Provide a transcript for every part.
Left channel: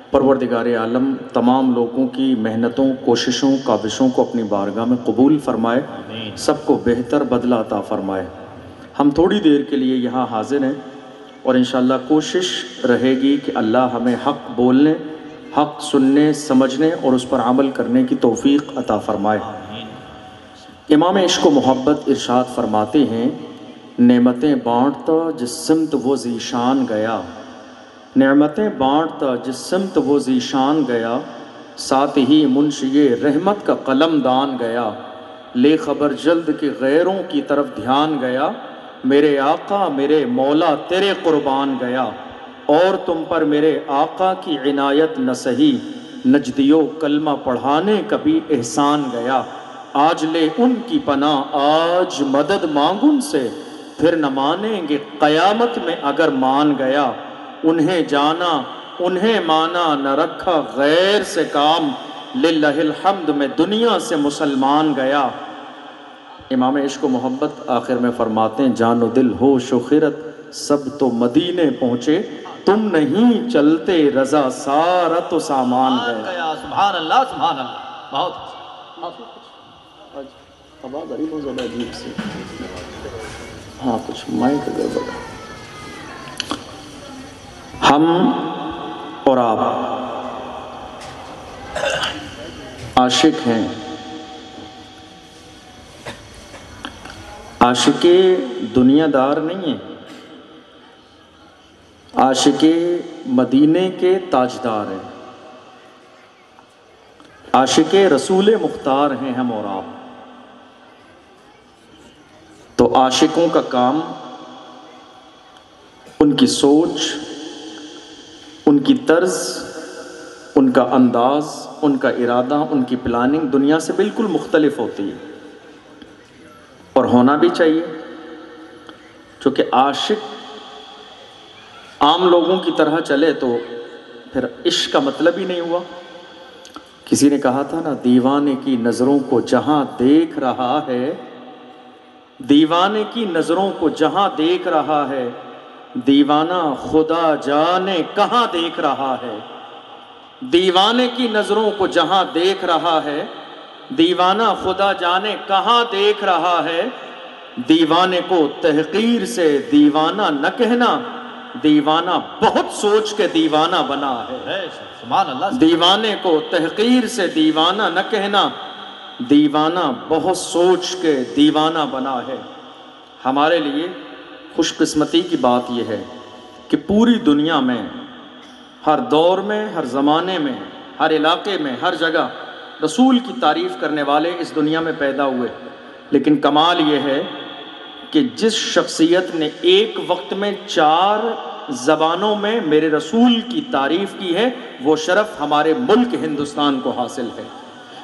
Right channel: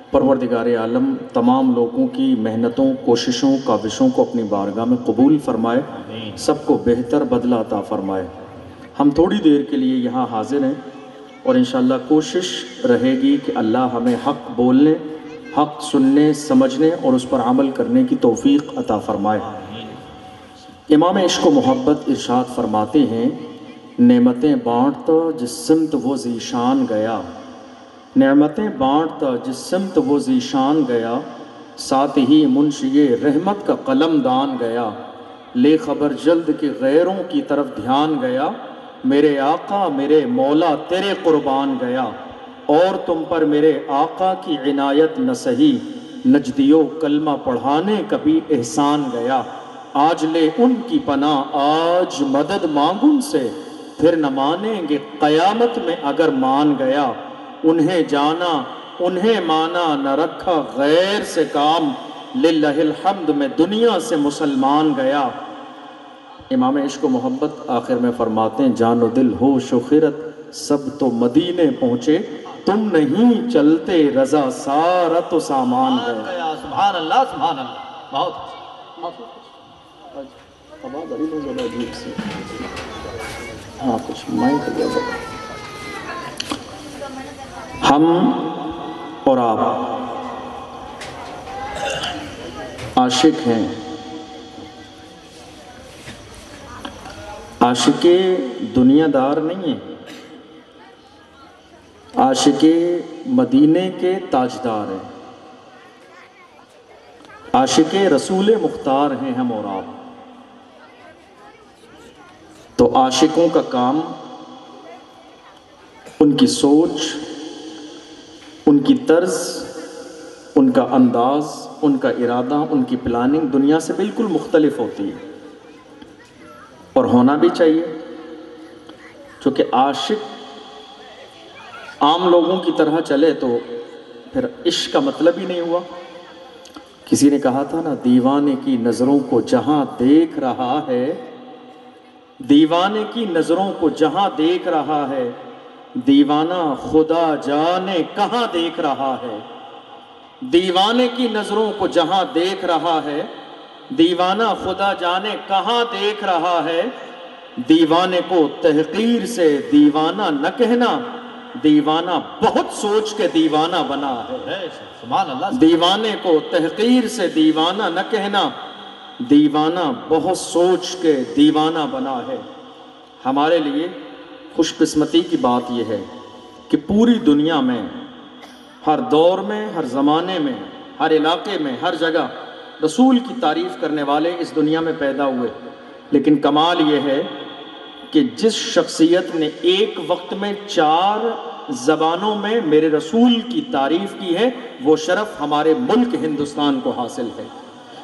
پروردگار عالم تمام لوگوں کی محنتوں، کوششوں، کاوشوں کو اپنی بارگاہ میں قبول فرمائے، سب کو بہتر بدلہ عطا فرمائے۔ ہم تھوڑی دیر کے لیے یہاں حاضر ہیں اور انشاءاللہ کوشش رہے گی کہ اللہ ہمیں حق بولنے، حق سننے، سمجھنے اور اس پر عمل کرنے کی توفیق عطا فرمائے۔ امام عشق و محبت ارشاد فرماتے ہیں، نعمتیں بانٹتا جس سمت وہ ذیشان گیا، نعمتیں بانٹتا جس سمت وہ ذیشان گیا، ساتھ ہی منشی رحمت کا قلم دان گیا، لے خبر جلد کہ غیروں کی طرف دھیان گیا، میرے آقا میرے مولا تیرے قربان گیا، اور تم پر میرے آقا کی عنایت نہ سہی، نجدیو کلمہ پڑھانے کا بھی احسان گیا، آج لے ان کی پناہ آج مدد مانگ ان سے، پھر نہ مانیں گے قیامت میں اگر مان گیا، انہیں جانا انہیں مانا نہ رکھا غیر سے کام، للہ الحمد میں دنیا سے مسلمان گیا۔ امام عشق و محبت آخر میں فرماتے ہیں، جان و دل ہوش و خیرت سب تو مدینے پہنچے، تم نہیں چلتے رضا سارا تو سامان گیا۔ سبحان اللہ سبحان اللہ، بہت ہاں کچھ مائک گیا۔ ہم اور آپ عاشق ہیں، عاشق دنیا دار نہیں ہیں، عاشق مدینے کے تاجدار ہیں، عاشق رسول مختار ہیں ہم اور آپ۔ تو عاشقوں کا کام ان کی سوچ، ان کی طرز، ان کا انداز، ان کا ارادہ، ان کی پلاننگ دنیا سے بالکل مختلف ہوتی ہے، اور ہونا بھی چاہیے، چونکہ عاشق عام لوگوں کی طرح چلے تو پھر عشق کا مطلب ہی نہیں ہوا۔ کسی نے کہا تھا نا، دیوانے کی نظروں کو جہاں دیکھ رہا ہے، دیوانے کی نظروں کو جہاں دیکھ رہا ہے، دیوانہ خدا جانے کہاں دیکھ رہا ہے، دیوانے کی نظروں کو جہاں دیکھ رہا ہے، دیوانہ خدا جانے کہاں دیکھ رہا ہے، دیوانے کو تحقیر سے دیوانہ نہ کہنا، دیوانہ بہت سوچ کے دیوانہ بنا ہے۔ سبحان اللہ، دیوانے کو تحقیر سے دیوانہ نہ کہنا، دیوانہ بہت سوچ کے دیوانہ بنا ہے۔ ہمارے لیے خوش قسمتی کی بات یہ ہے کہ پوری دنیا میں، ہر دور میں، ہر زمانے میں، ہر علاقے میں، ہر جگہ رسول کی تعریف کرنے والے اس دنیا میں پیدا ہوئے، لیکن کمال یہ ہے کہ جس شخصیت نے ایک وقت میں 4 زبانوں میں میرے رسول کی تعریف کی ہے، وہ شرف ہمارے ملک ہندوستان کو حاصل ہے۔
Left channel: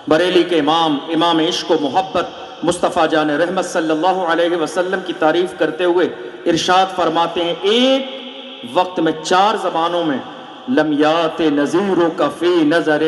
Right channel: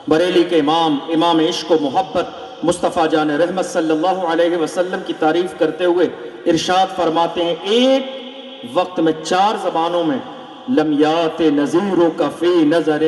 بریلی کے امام عشق و محبت مصطفیٰ جان رحمت صلی اللہ علیہ وسلم کی تعریف کرتے ہوئے ارشاد فرماتے ہیں، ایک وقت میں 4 زبانوں میں، لمیات نظیروں کا فی نظر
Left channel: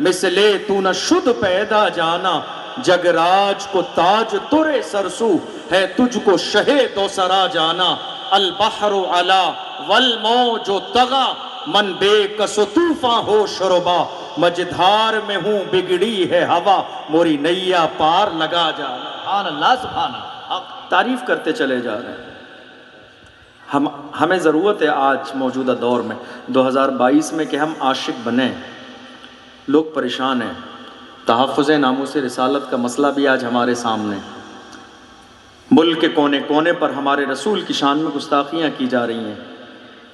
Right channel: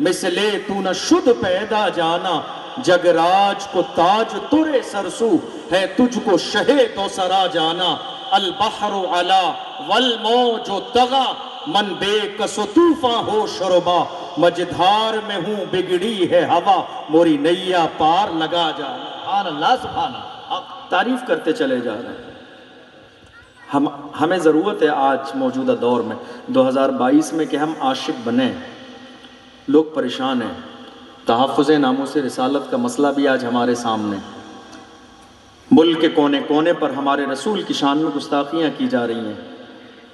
مثلے تو نہ شد پیدا جانا، جگ راج کو تاج ترے سرسو ہے تجھ کو شہ دو سرا جانا، البحر علا والموج طغا من بے کس و طوفاں ہو شربا، مجدھار میں ہوں بگڑی ہے ہوا موری نیا پار لگا جانا۔ سبحان اللہ سبحان اللہ، تعریف کرتے چلے جا رہے ہیں۔ ہمیں ضرورت ہے آج موجودہ دور میں 2022 میں کہ ہم عاشق بنیں۔ لوگ پریشان ہیں، تحفظ ناموس رسالت کا مسئلہ بھی آج ہمارے سامنے، ملک کے کونے کونے پر ہمارے رسول کی شان میں گستاخیاں کی جا رہی ہیں۔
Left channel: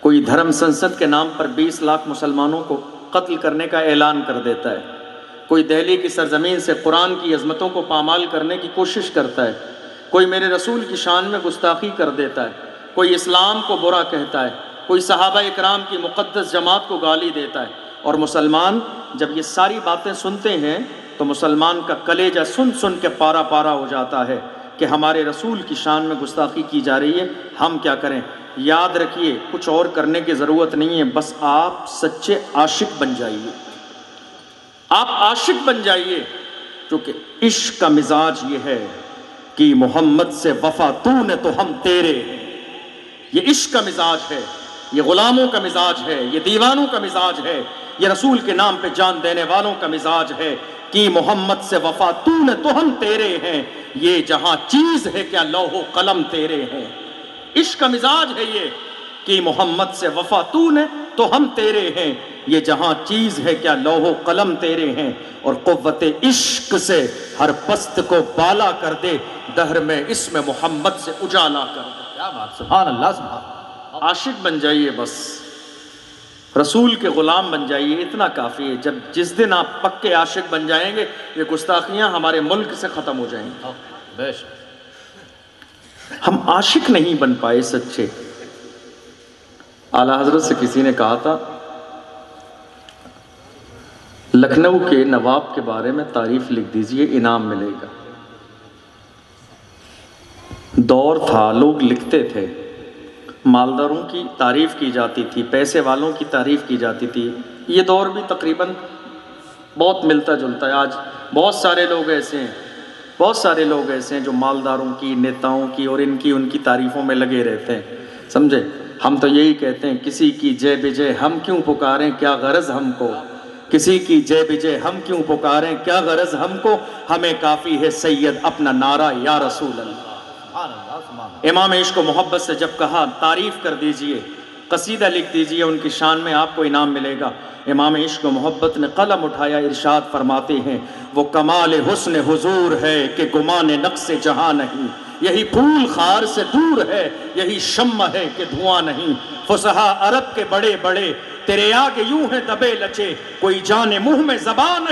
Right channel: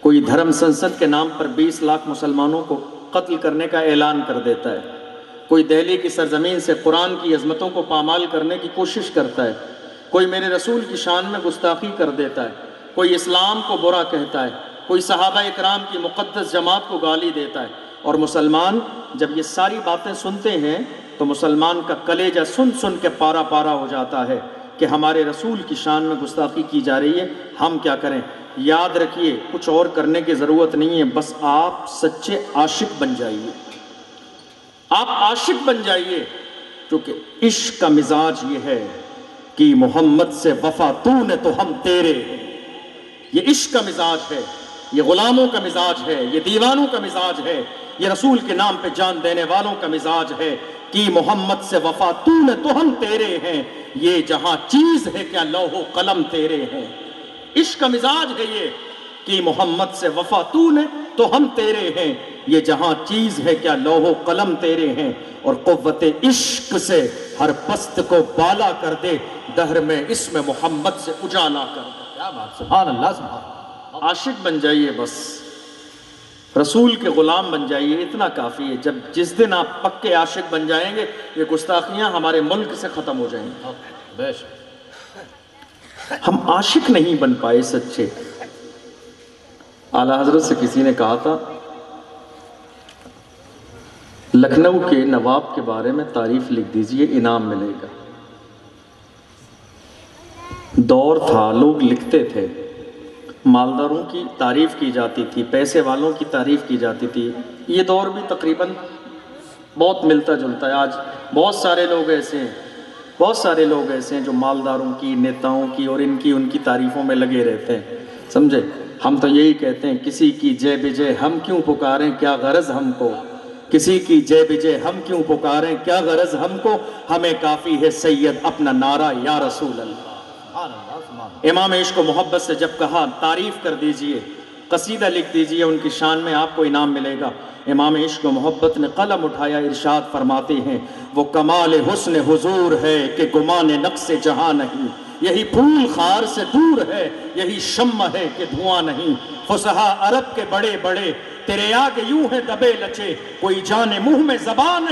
کوئی دھرم سنسد کے نام پر 20 لاکھ مسلمانوں کو قتل کرنے کا اعلان کر دیتا ہے، کوئی دہلی کی سرزمین سے قرآن کی عظمتوں کو پامال کرنے کی کوشش کرتا ہے، کوئی میرے رسول کی شان میں گستاخی کر دیتا ہے، کوئی اسلام کو برا کہتا ہے، کوئی صحابہ اکرام کی مقدس جماعت کو گالی دیتا ہے، اور مسلمان جب یہ ساری باتیں سنتے ہیں تو مسلمان کا کلیجہ سن سن کے پارا پارا ہو جاتا ہے کہ ہمارے رسول کی شان میں گستاخی کی جا رہی ہے، ہم کیا کریں؟ یاد رکھیے، کچھ اور کرنے کی ضرورت نہیں ہے، بس آپ سچے عاشق بن جائیے، آپ عاشق بن جائیے، کیونکہ عشق کا مزاج یہ ہے کہ محمد سے وفا تو نے تو ہم تیرے ہیں، یہ عشق کا مزاج ہے یہ غلاموں کا مزاج ہے، یہ دیوانوں کا مزاج ہے، یہ رسول کے نام پہ جان دینے والوں کا مزاج ہے کہ محمد سے وفا تو نے تو ہم تیرے ہیں، یہ جہاں چیز ہے کیا لوح و قلم تیرے ہیں۔ عشق کا مزاج ہے یہ کہ محمد سے وفا تو نے تو ہم تیرے ہیں، یہ جہاں چیز ہے کیا لوح و قلم تیرے ہیں، اور قوت عشق سے ہر پست کو بالا کر دے، دہر میں اسم محمد سے اجالا کر دے۔ کیا بات، سبحان اللہ، سبحان اللہ۔ عاشق بن جائیے، بس رسول کے غلام بن جائیے، اتنا کافی ہے۔ جس دن آپ پکے عاشق بن جائیں گے، یہ گستاخیاں ہمارے ملک سے ختم ہو جائیں گی۔ بے شک۔ ہم عاشق نہیں بن پائے سچے۔ اعلیٰ حضرت سے کسی نے کہا تھا لکھنؤ کے نواب کے بارے میں تعریف لکھ دیجئے، انعام ملے گا۔ دور تھا، لوگ لکھتے تھے، مالداروں کی تعریف کی جاتی تھی، پیسے والوں کی تعریف کی جاتی تھی۔ یہ دور بھی تقریباً بہت ملتا جلتا ہے۔ آج بہت سارے لوگ ایسے ہیں جو مالداروں کی، نیتاؤں کی اور ان کی تعریفوں میں لگے رہتے ہیں، سمجھے؟ ہم تو یہی کہتے ہیں کسی کی جے بجے ہم کیوں پکاریں، کیا غرض ہم کو، کسی کی جے بجے ہم کیوں پکاریں، کیا غرض ہم کو، ہمیں کافی ہے سید اپنا نعرہ یا رسول اللہ۔ سبحان اللہ، سبحان اللہ۔ امام عشق و محبت سے جب کہا تعریف کر دیجئے، قصیدہ لکھ دیجئے ان کی شان میں، آپ کو انعام ملے گا۔ امام عشق و محبت نے قلم اٹھایا، ارشاد فرماتے ہیں وہ کمال حسن حضور ہے کہ گمان نقص جہاں نہیں، یہی پھول خار سے دور ہے، یہی شمع ہے کہ دھواں نہیں، فصحا عرب کے بڑے بڑے تیرے آگے یوں ہے دبے لچے، کوئی جانے منہ میں زبان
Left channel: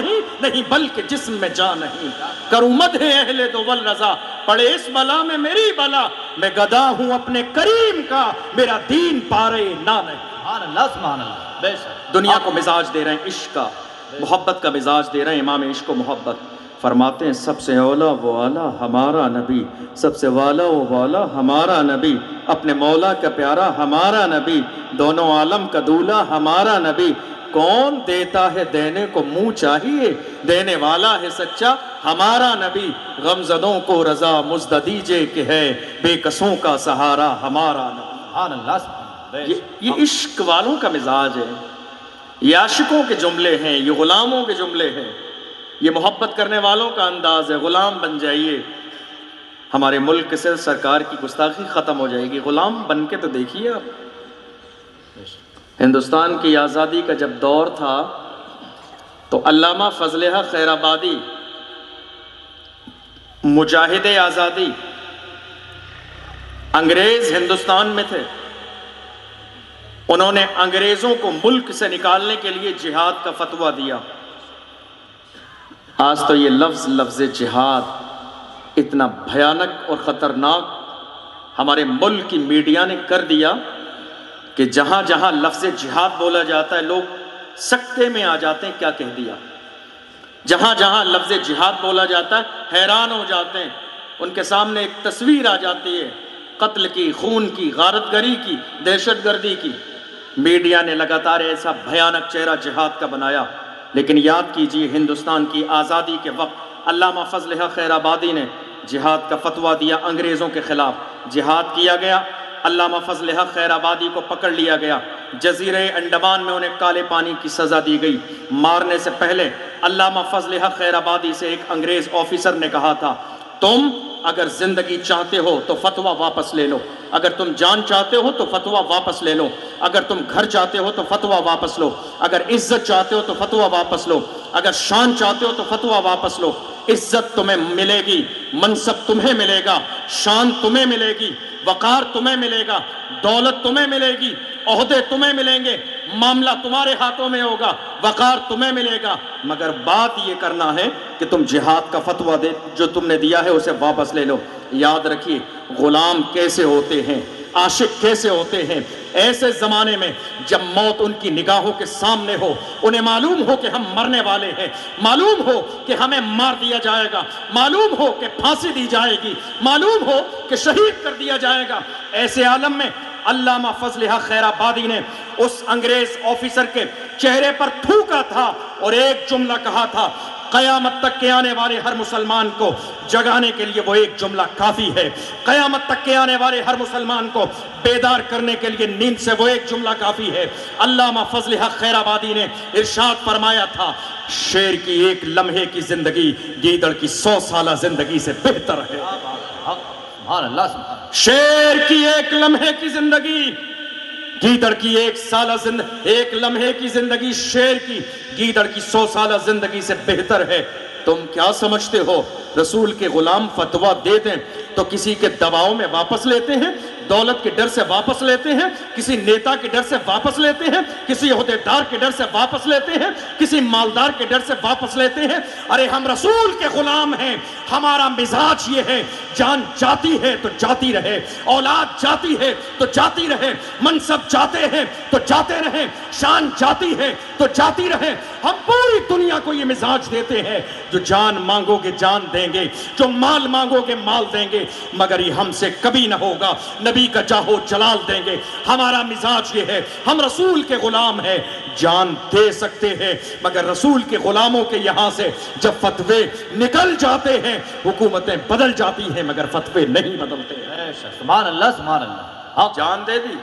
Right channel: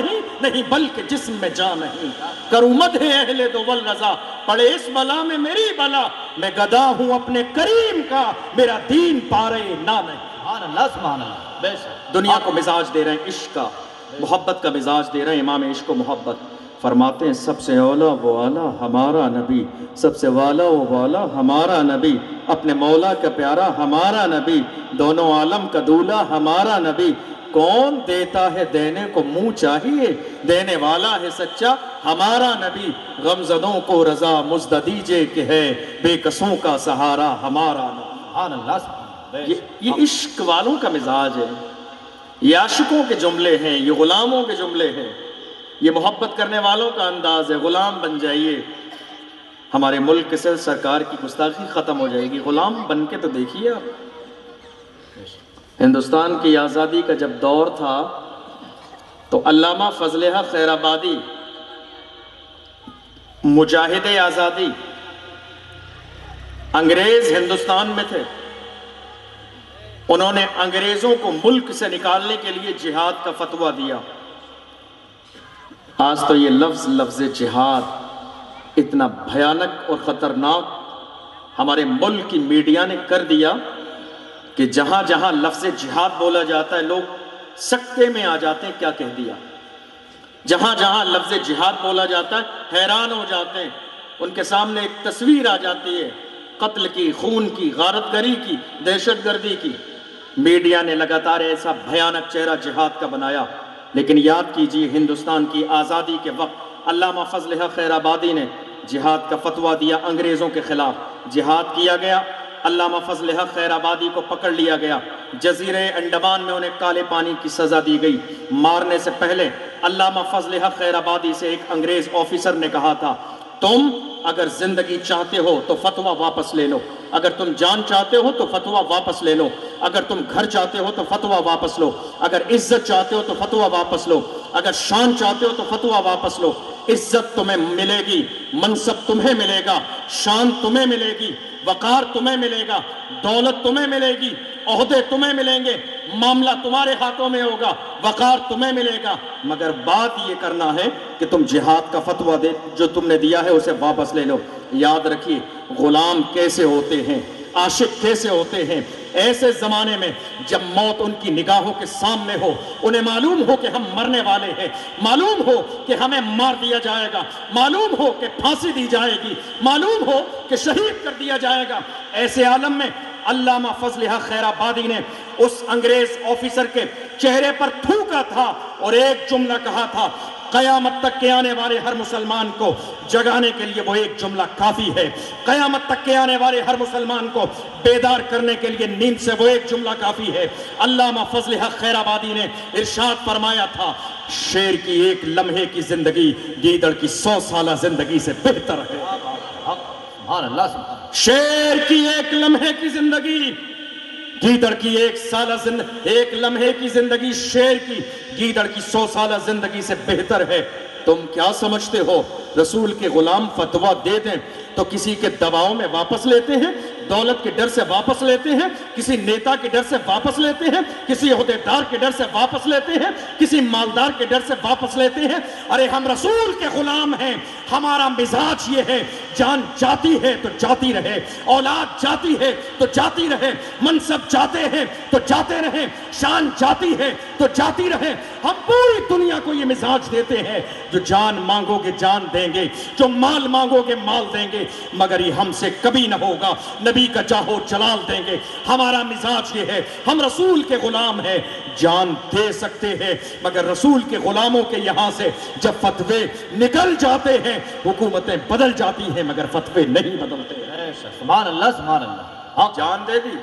نہیں بلکہ جسم میں جان نہیں، کروں مدح اہل دو والرضا، پڑے اس بلا میں میری بلا، میں گدا ہوں اپنے کریم کا، میرا دین پارے نہ نہیں۔ سبحان اللہ، سبحان اللہ، بے شک۔ دنیا کو مزاج دے رہے ہیں عشق کا، محبت کا مزاج دے رہے ہیں امام عشق و محبت۔ فرماتے ہیں سب سے اولا وہ اعلیٰ ہمارا نبی، سب سے والا وہ والا ہمارا نبی، اپنے مولا کا پیارا ہمارا نبی، دونوں عالم کا دولہا ہمارا نبی، کون دیتا ہے دینے کو منہ چاہیے، دینے والا ہے سچا ہمارا نبی، غمزدوں کو رضا مزد دیجے کہ ہے بے کسوں کا سہارا ہمارا نبی۔ سبحان اللہ، سبحان اللہ۔ یہ عشق والوں کا مزاج ہے، یہ عاشقوں کے جملے ہیں، یہ غلاموں کے جملے ہیں، یہ محبت کرنے والوں کا انداز ہے۔ غلام بن جائیے، ہمارے ملک سے سرکار کی گستاخی ختم ہو جائے گی۔ غلام بن کے تو دیکھیے آپ، ہندوستان کی آزادی کا جب دور تھا تو علامہ فضل حق خیر آبادی، مجاہد آزادی، انگریز ہندوستان میں تھے، انہوں نے انگریزوں کو ملک سے نکالنے کے لیے جہاد کا فتویٰ دیا۔ آج تو یہ لفظ جہاد اتنا بھیانک اور خطرناک ہمارے ملک کی میڈیا نے کر دیا کہ جہاں جہاں لفظ جہاد بولا جاتا ہے لوگ سکتے میں آ جاتے ہیں، کیا کہہ دیا۔ جہاں جہاں لفظ جہاد بولا جاتا ہے حیران ہو جاتے ہیں، ان کے سامنے ایک تصویر آ جاتی ہے قتل کی، خون کی، غارت گری کی، دہشت گردی کی۔ میڈیا نے لگاتار ایسا بھیانک چہرہ جہاد کا بنایا، لیکن یاد کیجئے ہندوستان کی آزادی کے وقت علامہ فضل حق خیر آبادی نے جہاد کا فتویٰ دیا، انگریزوں کے خلاف جہاد کیا گیا، علامہ فضل حق خیر آبادی کو پکڑ لیا گیا، جزیرے انڈمان میں انہیں کالے پانی کی سزا دی گئی۔ مارنے سے پہلے علامہ فضل حق خیر آبادی سے ایک انگریز آفیسر نے کہا تھا تم اگر زندگی چاہتے ہو تو فتویٰ واپس لے لو، اگر تم جان چاہتے ہو تو فتویٰ واپس لے لو، اگر تم گھر چاہتے ہو تو فتویٰ واپس لو، اگر عزت چاہتے ہو تو فتویٰ واپس لو، اگر شان چاہتے ہو تو فتویٰ واپس لو۔ عزت تمہیں ملے گی، منصب تمہیں ملے گا، شان تمہیں ملے گی، وقار تمہیں ملے گا، دولت تمہیں ملے گی، عہدے تمہیں ملیں گے، معاملہ تمہارے ہاتھوں میں ہوگا، وقار تمہیں ملے گا، مگر بات یہ کرنا ہے کہ تم جہاد کا فتویٰ دے جو تم نے دیا ہے اسے واپس لے لو۔ یاد رکھیے غلام کیسے ہوتے ہیں، عاشق کیسے ہوتے ہیں۔ ایسے زمانے میں جب موت ان کی نگاہوں کے سامنے ہو، انہیں معلوم ہو کہ ہم مرنے والے ہیں، معلوم ہو کہ ہمیں مار دیا جائے گا، معلوم ہو کہ پھانسی دی جائے گی، معلوم ہو کہ شہید کر دیا جائے گا، ایسے عالم میں علامہ فضل حق خیر آبادی نے اس انگریز آفیسر کے چہرے پر تھوکا تھا اور ایک جملہ کہا تھا قیامت تک کے آنے والے ہر مسلمان کو جگانے کے لیے وہ ایک جملہ کافی ہے، قیامت تک کے آنے والے ہر مسلمان کو بیدار کرنے کے لیے نیند سے وہ ایک جملہ کافی ہے۔ علامہ فضل حق خیر آبادی نے ارشاد فرمایا تھا، شیر کی ایک لمحے کی زندگی گیدڑ کی 100 سالہ زندگی سے بہتر ہے۔ سبحان اللہ سبحان اللہ۔ شیر کی ایک لمحے کی زندگی گیدڑ کی ایک لمحے کی زندگی شیر کی گیدڑ کی 100 سالہ زندگی سے بہتر ہے۔ تم کیا سمجھتے ہو رسول کے غلام فتویٰ دے دیں تو کسی کے دباؤ میں واپس لیتے ہیں، دولت کے ڈر سے واپس لیتے ہیں، کسی نیتا کے ڈر سے واپس لیتے ہیں، کسی عہدیدار کے ڈر سے واپس لیتے ہیں، کسی مالدار کے ڈر سے واپس لیتے ہیں؟ ارے ہم رسول کے غلام ہیں، ہمارا مزاج یہ ہے، جان جاتی ہے تو جاتی رہے، اولاد جاتی ہے تو جاتی رہے، منصب جاتے ہیں تو جاتے رہے، شان جاتی ہے تو جاتی رہے۔ ہم پوری دنیا کو یہ مزاج دیتے ہیں، جو جان مانگو گے جان دیں گے، جو مال مانگو گے مال دیں گے، مگر یہ ہم سے کبھی نہ ہوگا، نبی کا جاہو جلال دیں گے۔ ہمارا مزاج یہ ہے، ہم رسول کے غلام ہیں، جان دے سکتے ہیں، مگر رسول کے غلاموں کے یہاں سے جب فتوے نکل جاتے ہیں، حکومتیں بدل جاتی ہیں مگر فتوے نہیں بدلتے ہیں۔ سبحان اللہ سبحان اللہ۔ جان دے دی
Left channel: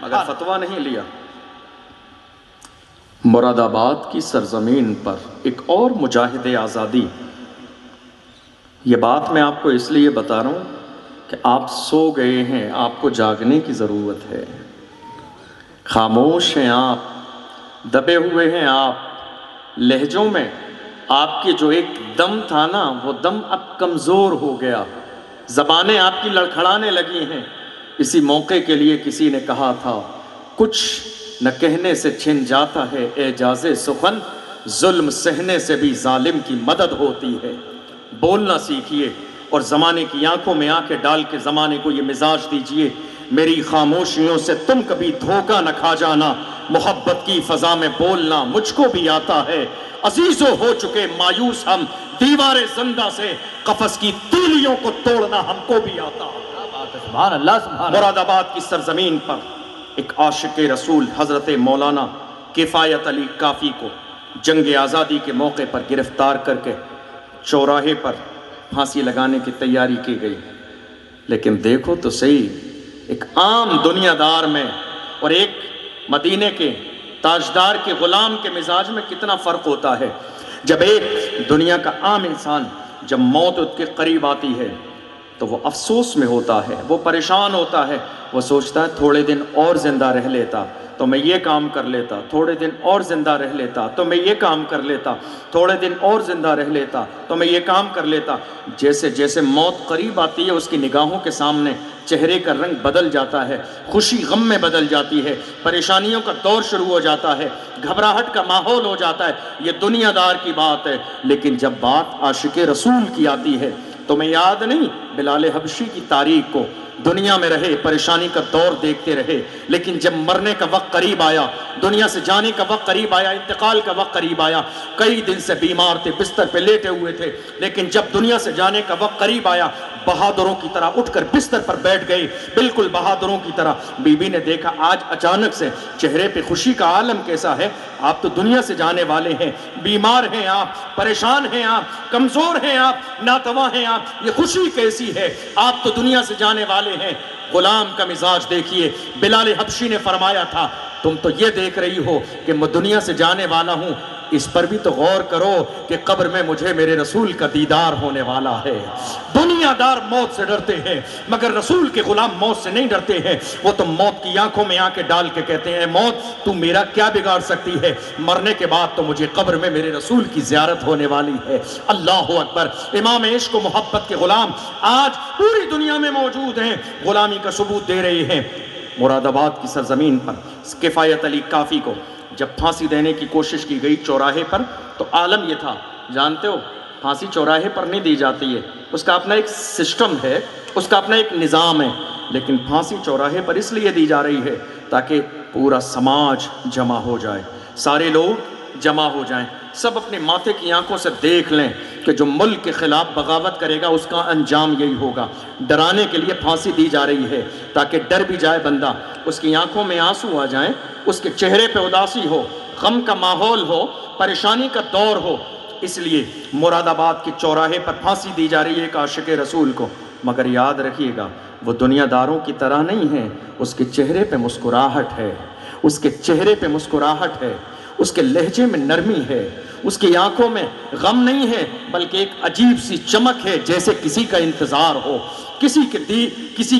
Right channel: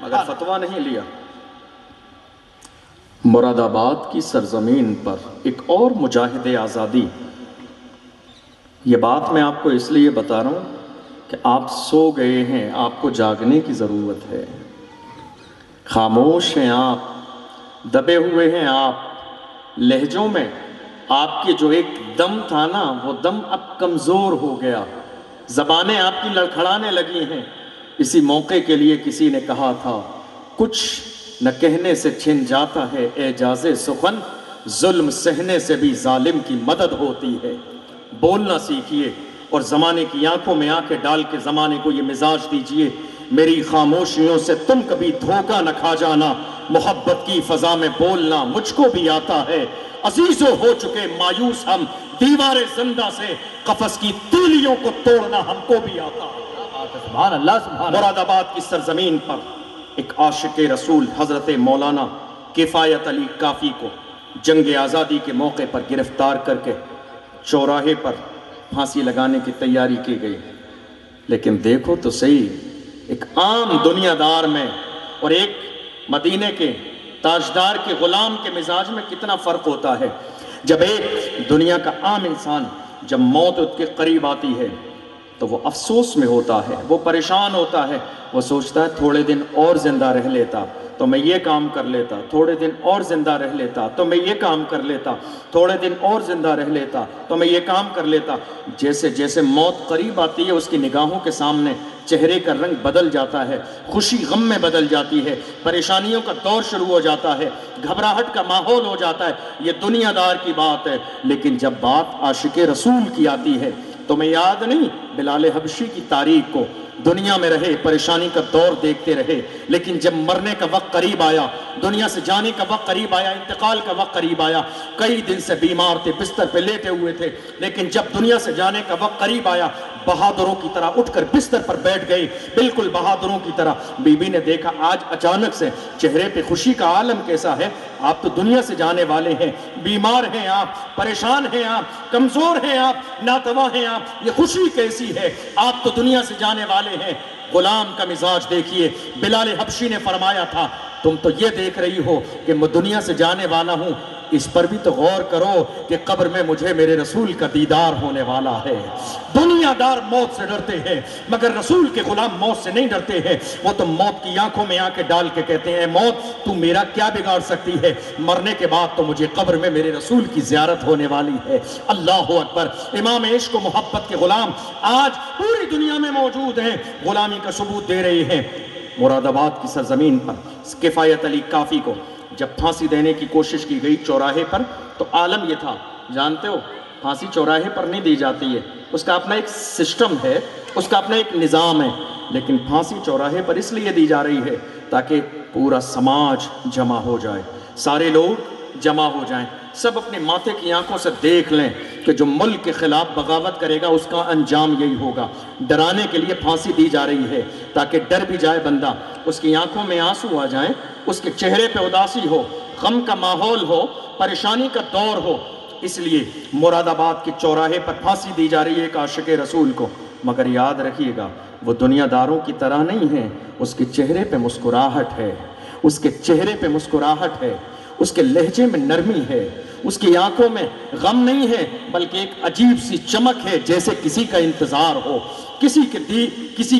مگر فتویٰ نہیں لیا۔ مراد آباد کی سرزمین پر ایک اور مجاہد آزادی، یہ بات میں آپ کو اس لیے بتا رہا ہوں کہ آپ سو گئے ہیں، آپ کو جاگنے کی ضرورت ہے۔ خاموش ہیں آپ، دبے ہوئے ہیں آپ، لہجوں میں آپ کے جو ایک دم تھا نا، وہ دم اب کمزور ہو گیا، زبانیں آپ کی لڑکھڑانے لگی ہیں۔ اسی موقع کے لیے کسی نے کہا تھا، کچھ نہ کہنے سے چھن جاتا ہے اعجاز سخن، ظلم سہنے سے بھی ظالم کی مدد ہوتی ہے۔ بولنا سیکھیے اور زمانے کی آنکھوں میں آنکھیں ڈال کے زمانے کو یہ مزاج دیجئے، میری خاموشیوں سے تم کبھی دھوکہ نہ کھا جانا، محبت کی فضا میں بولنا مجھ کو بھی آتا ہے، عزیزوں ہو چکے مایوس ہم، دیوار زندہ سے قفس کی تیلیوں کو توڑنا ہم کو بھی آتا ہے۔ سبحان اللہ سبحان اللہ۔ مراد آباد کی سرزمین پر ایک عاشق رسول حضرت مولانا کفایت علی کافی کو جنگ آزادی کے موقع پر گرفتار کر کے چوراہے پر پھانسی لگانے کی تیاری کی گئی، لیکن دیکھو تو صحیح، ایک عام دنیا دار میں اور ایک مدینے کے تاجدار کے غلام کے مزاج میں کتنا فرق ہوتا ہے۔ جب ایک دنیا کا عام انسان جب موت اس کے قریب آتی ہے تو وہ افسوس میں ہوتا ہے، وہ پریشان ہوتا ہے، وہ سوچتا ہے تھوڑے دن اور زندہ رہ لیتا تو میں یہ کام کر لیتا، تھوڑے دن اور زندہ رہ لیتا تو میں یہ کام کر لیتا، تھوڑے دن اور زندہ رہ لیتا تو میں یہ کام کر لیتا۔ جیسے جیسے موت قریب آتی ہے اس کی نگاہوں کے سامنے چہرے کا رنگ بدل جاتا ہے، خوشی غم میں بدل جاتی ہے، پریشانیوں کا دور شروع ہو جاتا ہے، گھبراہٹ کا ماحول ہو جاتا ہے۔ یہ دنیا دار کی بات ہے، لیکن جب بات عاشق رسول کی آتی ہے تو میں یاد نہیں بلال حبشی کی تاریخ کو، دنیا میں رہے، پریشانی کا دور دیکھتے رہے، لیکن جب مرنے کا وقت قریب آیا، دنیا سے جانے کا وقت قریب آیا، انتقال کا وقت قریب آیا، کئی دن سے بیمار تھے، بستر پہ لیٹے ہوئے تھے، لیکن جب دنیا سے جانے کا وقت قریب آیا، بہادروں کی طرح اٹھ کر بستر پر بیٹھ گئے، بالکل بہادروں کی طرح۔ بی بی نے دیکھا آج اچانک سے چہرے پہ خوشی کا عالم کیسا ہے، آپ تو دنیا سے جانے والے ہیں، بیمار ہیں آپ، پریشان ہیں آپ، کمزور ہیں آپ، ناتواں ہیں آپ، یہ خوشی کیسی ہے، آپ تو دنیا سے جانے والے ہیں۔ غلام کا مزاج دیکھیے، بلال حبشی نے فرمایا تھا، تم تو یہ دیکھ رہی ہو کہ میں دنیا سے جانے والا ہوں، اس پر بھی تو غور کرو کہ قبر میں مجھے میرے رسول کا دیدار ہونے والا ہے۔ دنیا دار موت سے ڈرتے ہیں مگر رسول کے غلام موت سے نہیں ڈرتے ہیں، وہ تو موت کی آنکھوں میں آنکھیں ڈال کے کہتے ہیں، اے موت تو میرا کیا بگاڑ سکتی ہے، مرنے کے بعد تو مجھے قبر میں میرے رسول کی زیارت ہونے والی ہے۔ اللہ اکبر۔ امام عشق و محبت کے غلام آج پوری دنیا میں موجود ہیں، غلامی کا ثبوت دے رہے ہیں۔ مراد آباد کی سرزمین پر کفایت علی کافی کو جب پھانسی دینے کی کوشش کی گئی چوراہے پر، تو عالم یہ تھا، جانتے ہو پھانسی چوراہے پر نہیں دی جاتی ہے، اس کا اپنا ایک سسٹم ہے، اس کا اپنا ایک نظام ہے، لیکن پھانسی چوراہے پر اس لیے دی جا رہی ہے تاکہ پورا سماج جمع ہو جائے، سارے لوگ جمع ہو جائیں، سب اپنے ماتھے کی آنکھوں سے دیکھ لیں کہ جو ملک کے خلاف بغاوت کرے گا اس کا انجام یہی ہوگا۔ ڈرانے کے لیے پھانسی دی جا رہی ہے تاکہ ڈر بھی جائے بندہ، اس کی آنکھوں میں آنسو آ جائیں، اس کے چہرے پہ اداسی ہو، غم کا ماحول ہو، پریشانی کا دور ہو، اس لیے مراد آباد کے چوراہے پر پھانسی دی جا رہی ہے ایک عاشق رسول کو، مگر یاد رکھیے گا وہ دنیا داروں کی طرح نہیں ہے، اس کے چہرے پہ مسکراہٹ ہے، اس کے چہرے پہ مسکراہٹ ہے، اس کے لہجے میں نرمی ہے، اس کی آنکھوں میں غم نہیں ہے، بلکہ ایک عجیب سی چمک ہے، جیسے کسی کا انتظار ہو، کسی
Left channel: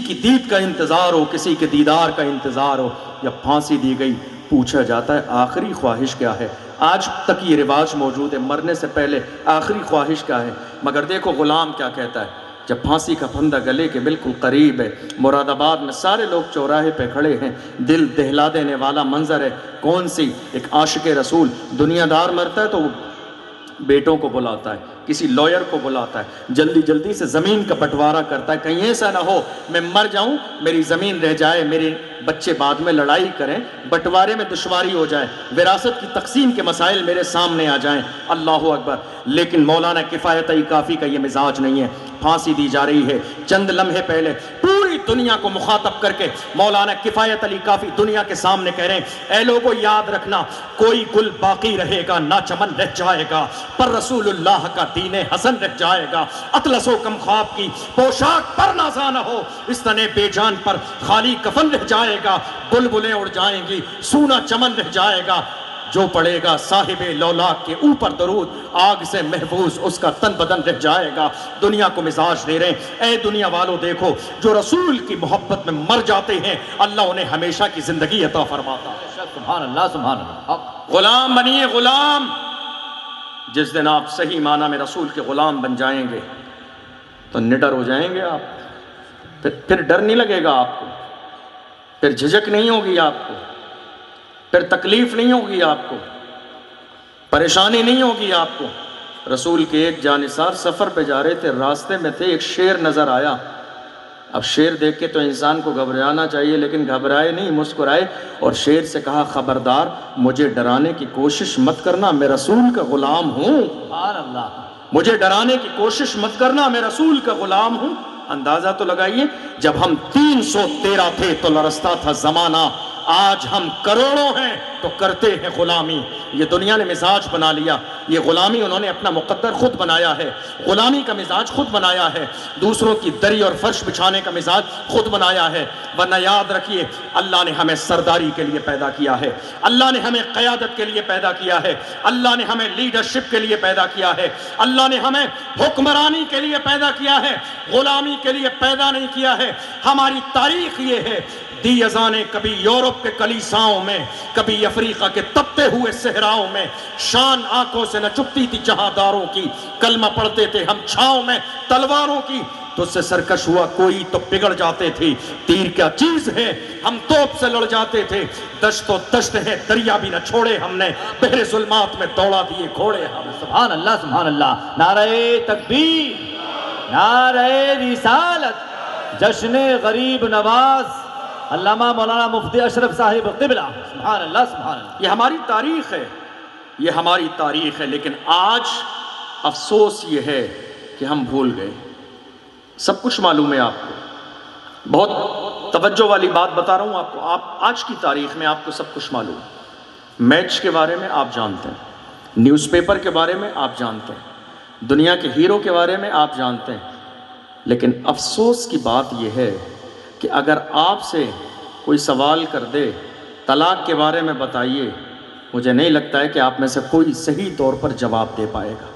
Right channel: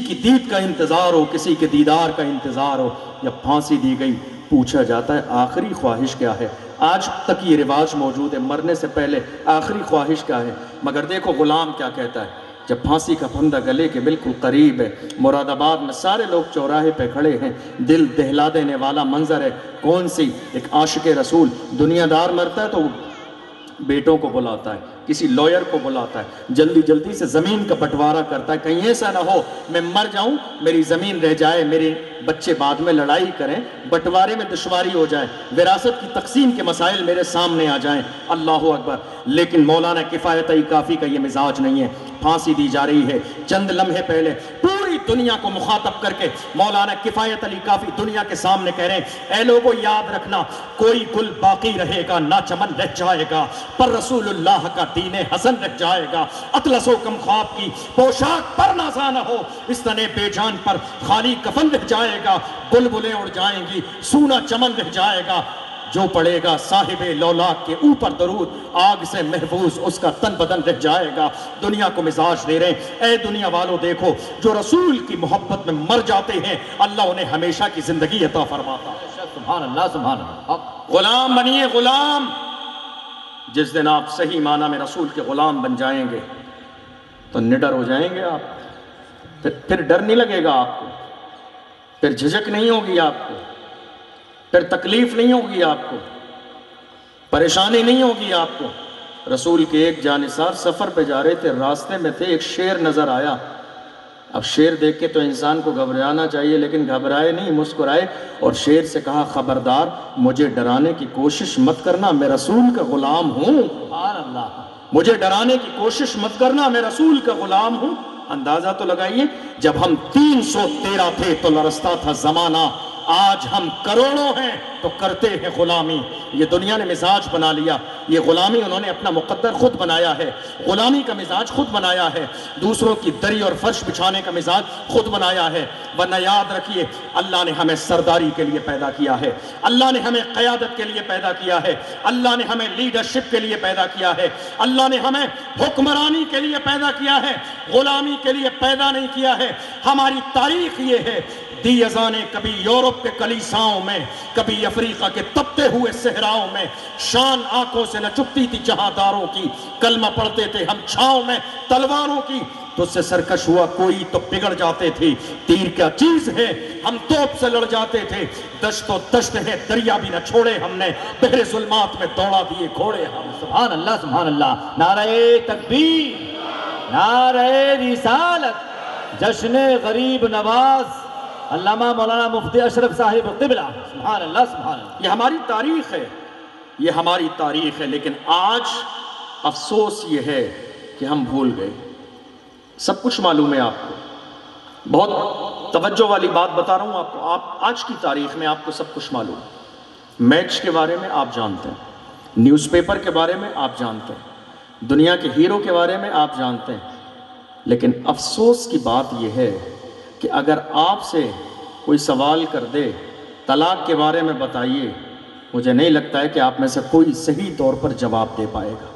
کی دید کا انتظار ہو، کسی کے دیدار کا انتظار ہو۔ جب پھانسی دی گئی پوچھا جاتا ہے آخری خواہش کیا ہے؟ آج تک یہ رواج موجود ہے، مرنے سے پہلے آخری خواہش کیا ہے؟ مگر دیکھو غلام کیا کہتا ہے جب پھانسی کا پھندا گلے کے بالکل قریب ہے، مراد آباد میں سارے لوگ چوراہے پہ کھڑے ہیں، دل دہلا دینے والا منظر ہے۔ کون سی ایک عاشق رسول دنیا دار مرتا ہے تو بیٹوں کو بلاتا ہے، کسی لائر کو بلاتا ہے، جلدی جلدی سے زمین کا بٹوارا کرتا ہے، کہیں ایسا نہ ہو میں مر جاؤں میری زمین رہ جائے، میرے بچے بعد میں لڑائی کریں، بٹوارے میں دشواری ہو جائے، وراثت کی تقسیم کے مسائل میرے سامنے آ جائیں۔ اللہ اکبر۔ لیکن مولانا کفایت کافی کا یہ مزاج نہیں ہے۔ پھانسی دی جا رہی ہے، چند لمحے پہلے پوری دنیا کو مخاطب کر کے مولانا کفایت علی کافی دنیا کے سامنے کہہ رہے ہیں، اے لوگوں یاد رکھنا کوئی گل باقی رہے گا نہ چمن رہ جائے گا، پر رسول اللہ کا دین حسن رہ جائے گا۔ اطلس و کم خواب کی پوشاک پر نازا نہ ہو، اس تنے بے جان پر خالی کفن رہ جائے گا، بلبلیں اڑ جائیں گی سونا چمن رہ جائے گا، جو پڑے گا صاحب لولاک کے اوپر درود آگ سے محفوظ اس کا تن بدن رہ جائے گا۔ دنیا کو مزاج دے رہے ہیں، اے دنیا والوں دیکھو جو رسول کی محبت میں مر جاتے ہیں اللہ انہیں ہمیشہ کی زندگی عطا فرماتا ہے۔ سبحان اللہ سبحان اللہ۔ غلام بنیے غلام، جس دن آپ صحیح معنی میں رسول کے غلام بن جائیں گے تو نڈر ہو جائیں گے آپ، پھر ڈر نہیں لگے گا آپ کو، پھر جھجک نہیں ہوگی آپ کو، پھر تکلیف نہیں ہوگی آپ کو، پریشانی نہیں ہوگی آپ کو۔ رسول کے ایک جانثار سفر پہ جا رہے تھے، راستے میں تھے، ایک شیر نظر آیا۔ اب شیر دیکھ کے تو انسان کو گھبرانا چاہیے، لیکن گھبرائے نہیں، مسکرائے اور شیر سے کہا خبردار مجھے ڈرانے کی کوشش مت کرنا، میں رسول کا غلام ہوں۔ سبحان اللہ۔ مجھے ڈرانے کی کوشش مت کرنا، میں رسول کا غلام ہوں۔ اندازہ تو لگائیے جب ہم 313 تھے تو لرزتا تھا زمانہ، آج ہم کروڑوں ہیں تو کرتے ہیں غلامی۔ یہ دنیا نے مزاج بنا لیا، یہ غلامی انہوں نے اپنا مقدر خود بنایا ہے، غلامی کا مزاج خود بنایا ہے، دوسروں کی دری اور فرش بچھانے کا مزاج خود بنایا ہے۔ ورنہ یاد رکھیے اللہ نے ہمیں سرداری کے لیے پیدا کیا ہے، اللہ نے ہمیں قیادت کے لیے پیدا کیا ہے، اللہ نے ہمیں لیڈرشپ کے لیے پیدا کیا ہے، اللہ نے ہمیں حکمرانی کے لیے پیدا کیا ہے، غلامی کے لیے پیدا نہیں کیا ہے۔ ہماری تاریخ یہ ہے، دی ازانے کبھی یورپ کے کلیساؤں میں، کبھی افریقہ کے تپتے ہوئے صحراؤں میں، شان آنکھوں سے نہ چپتی تھی جہانداروں کی، کلمہ پڑھتے تھے ہم چھاؤں میں تلواروں کی، تو اس سے سرکش ہوا کوئی تو بگڑ جاتے تھے، تیر کیا چیز ہے ہم توپ سے لڑ جاتے تھے، دشت و دشت ہے دریا بھی نہ چھوڑے ہم نے، بحر ظلمات میں دوڑا دیے گھوڑے ہم۔ سبحان اللہ سبحان اللہ۔ نعرہ تکبیر، نعرہ رسالت، جشن غریب نواز علامہ مولانا مفتی اشرف صاحب قبلہ۔ سبحان اللہ سبحان اللہ۔ یہ ہماری تاریخ ہے، یہ ہماری تاریخ ہے، لیکن آج افسوس یہ ہے کہ ہم بھول گئے۔ سب کچھ معلوم ہے آپ کو، بہت توجہ والی بات بتا رہا ہوں آپ کو، آپ آج کی تاریخ میں آپ کو سب کچھ معلوم ہے۔ میچ کے بارے میں آپ جانتے ہیں، نیوز پیپر کے بارے میں آپ جانتے ہیں، دنیا کے ہیرو کے بارے میں آپ جانتے ہیں، لیکن افسوس کی بات یہ ہے کہ اگر آپ سے کوئی سوال کر دے طلاق کے بارے میں بتائیے، مجھے نہیں لگتا ہے کہ آپ میں سے کوئی صحیح طور پر جواب دے پائے گا۔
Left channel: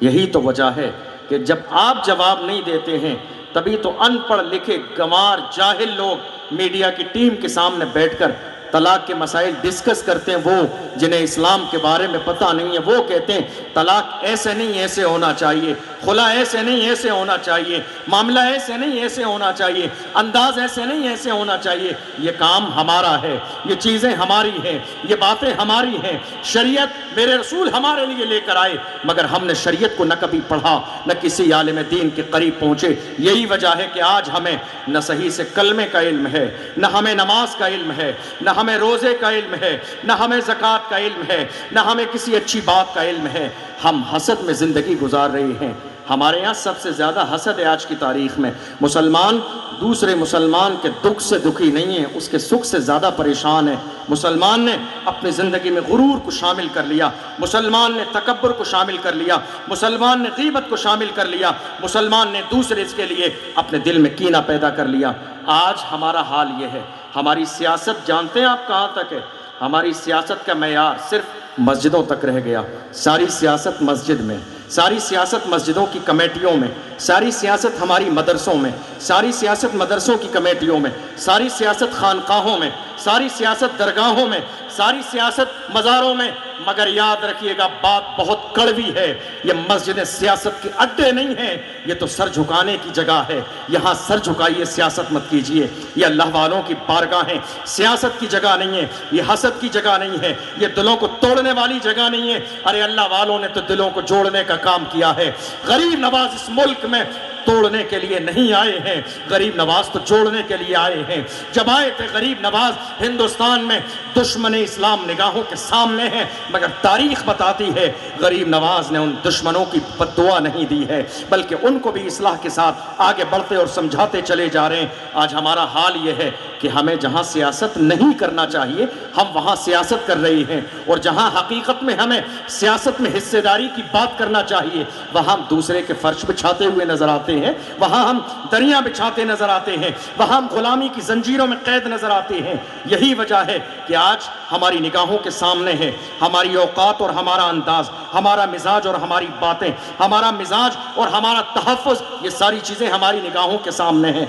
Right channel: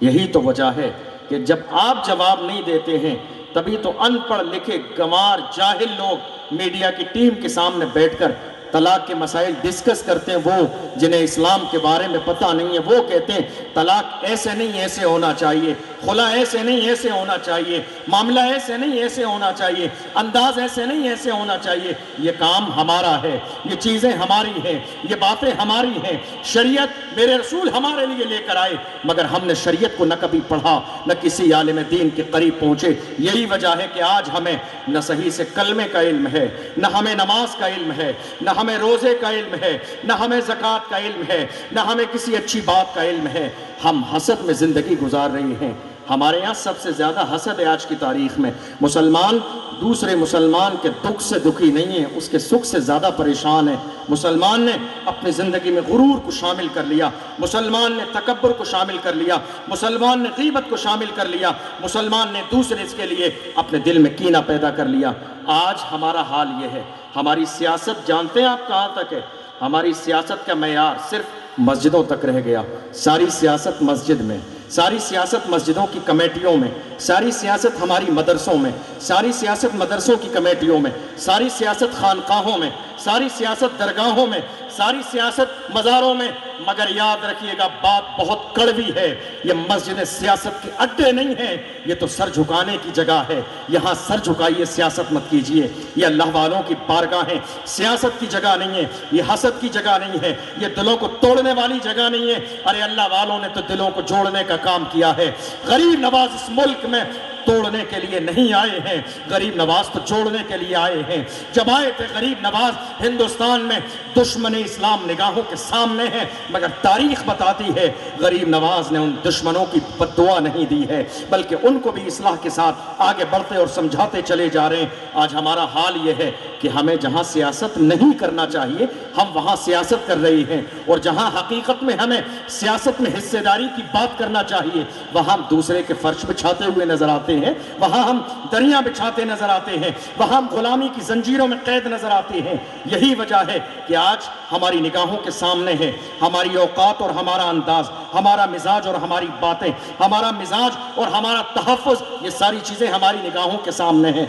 یہی تو وجہ ہے کہ جب آپ جواب نہیں دیتے ہیں تبھی تو ان پڑھ لکھے گنوار جاہل لوگ میڈیا کی ٹیم کے سامنے بیٹھ کر طلاق کے مسائل ڈسکس کرتے ہیں، وہ جنہیں اسلام کے بارے میں پتہ نہیں ہے وہ کہتے ہیں طلاق ایسے نہیں ایسے ہونا چاہیے، خلا ایسے نہیں ایسے ہونا چاہیے، معاملہ ایسے نہیں ایسے ہونا چاہیے، انداز ایسے نہیں ایسے ہونا چاہیے۔ یہ کام ہمارا ہے، یہ چیزیں ہماری ہیں، یہ باتیں ہماری ہیں، شریعت میرے رسول ہمارے لیے لے کر آئے، مگر ہم نے شریعت کو نہ کبھی پڑھا نہ کسی عالم دین کے قریب پہنچے۔ یہی وجہ ہے کہ آج ہمیں نہ صحیح سے کلمے کا علم ہے، نہ ہمیں نماز کا علم ہے، نہ ہمیں روزے کا علم ہے، نہ ہمیں زکوٰۃ کا علم ہے، نہ ہمیں کسی اچھی بات کا علم ہے۔ ہم حسد میں زندگی گزار رہے ہیں۔ ہمارے یہاں سب سے زیادہ حسد ہے آج کی تاریخ میں. مسلمان دوسرے مسلمان کے دکھ سے دکھی نہیں ہے، اس کے سکھ سے زیادہ پریشان ہے. مسلمان نے اپنی زندگی میں غرور کو شامل کر لیا، مسلمان نے تکبر کو شامل کر لیا، مسلمان نے غیبت کو شامل کر لیا، مسلمان نے دوسرے کے لیے اپنے دل میں کینہ پیدا کر لیا. آج ہمارا حال یہ ہے. ہماری سیاست جانتے ہیں آپ کہاں تک ہے؟ ہماری سیاست کا معیار صرف مسجدوں تک رہ گیا. ساری سیاست مسجد میں، ساری سیاست مسجدوں کی کمیٹیوں میں، ساری سیاست ہماری مدرسوں میں، ساری سیاست مدرسوں کی کمیٹیوں میں، ساری سیاست خانقاہوں میں، ساری سیاست درگاہوں میں، ساری سیاست مزاروں میں. مگر یاد رکھیے گا بات بہت کڑوی ہے، یہ مسجدیں سیاست کے اڈے نہیں ہیں، یہ تو سر جھکانے کی جگہ ہے. یہاں سر جھکائیے، سیاست مت کیجیے. یہ اللہ والوں کی بارگاہیں، سیاست کی جگہ نہیں ہے، یہ حسد کی جگہ نہیں ہے، یہ دلوں کو توڑنے والی جگہ نہیں ہے. ارے اللہ والوں نے تو دلوں کو جوڑنے کا کام کیا ہے. غریب نواز اس ملک میں توڑنے کے لیے نہیں آئے ہیں، غریب نواز تو جوڑنے کے لیے آئے ہیں. جب آئے تھے غریب نواز ہندوستان میں دشمن اسلام نگاہوں کے سامنے ہے، مگر تاریخ بتاتی ہے غریب نواز نے ان دشمنوں کی بد دعا نہیں دی ہے، بلکہ ان کو بھی اصلاح کے ساتھ آگے بڑھتے اور سمجھاتے چلے جا رہے ہیں. آج ہمارا حال یہ ہے کہ ہمیں جہاں سیاست نہیں کرنا چاہیے ہم وہاں سیاست کر رہے ہیں، اور جہاں حقیقت میں ہمیں سیاست میں حصے داری کی بات کرنا چاہیے وہاں ہم دوسرے کے فرش بچھاتے ہوئے نظر آتے ہیں، وہاں ہم دریاں بچھاتے نظر آتے ہیں، وہاں ہم غلامی کی زنجیروں میں قید نظر آتے ہیں. یہی وجہ ہے کہ آج ہماری نگاہوں کے سامنے ہے ہماری اوقات اور ہمارا انداز، ہمارا مزاج اور ہماری باتیں، ہمارا مزاج اور ہمارا تحفظ، یہ ساری چیزیں ہماری نگاہوں کے سامنے ہیں.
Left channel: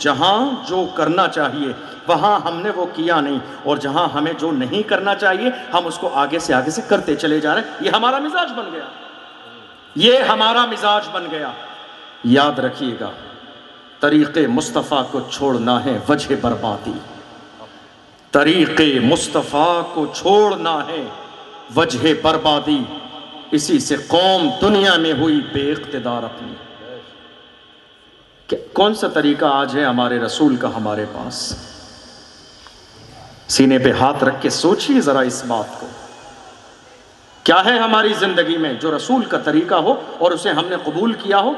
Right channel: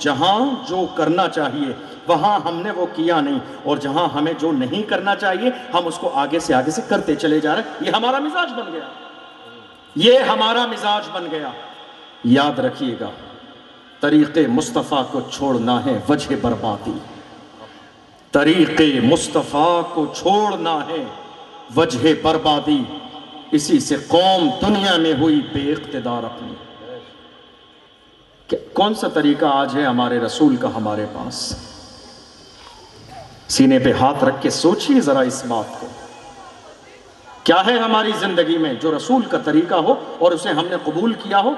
جہاں جو کرنا چاہیے وہاں ہم نے وہ کیا نہیں، اور جہاں ہمیں جو نہیں کرنا چاہیے ہم اس کو آگے سے کرتے چلے جا رہے ہیں. یہ ہمارا مزاج بن گیا، یہ ہمارا مزاج بن گیا. یاد رکھیے گا طریق مصطفیٰ کو چھوڑنا ہے وجہ بربادی، طریق مصطفیٰ کو چھوڑنا ہے وجہ بربادی. اسی سے قوم دنیا میں ہوئی بے اقتدار اپنی. کون سا طریقہ آج ہے ہمارے رسول کا ہمارے پاس؟ سینے پہ ہاتھ رکھ کے سوچئے ذرا اس بات کو. کیا ہے ہماری زندگی میں جو رسول کا طریقہ ہو اور اسے ہم نے قبول کیا ہو؟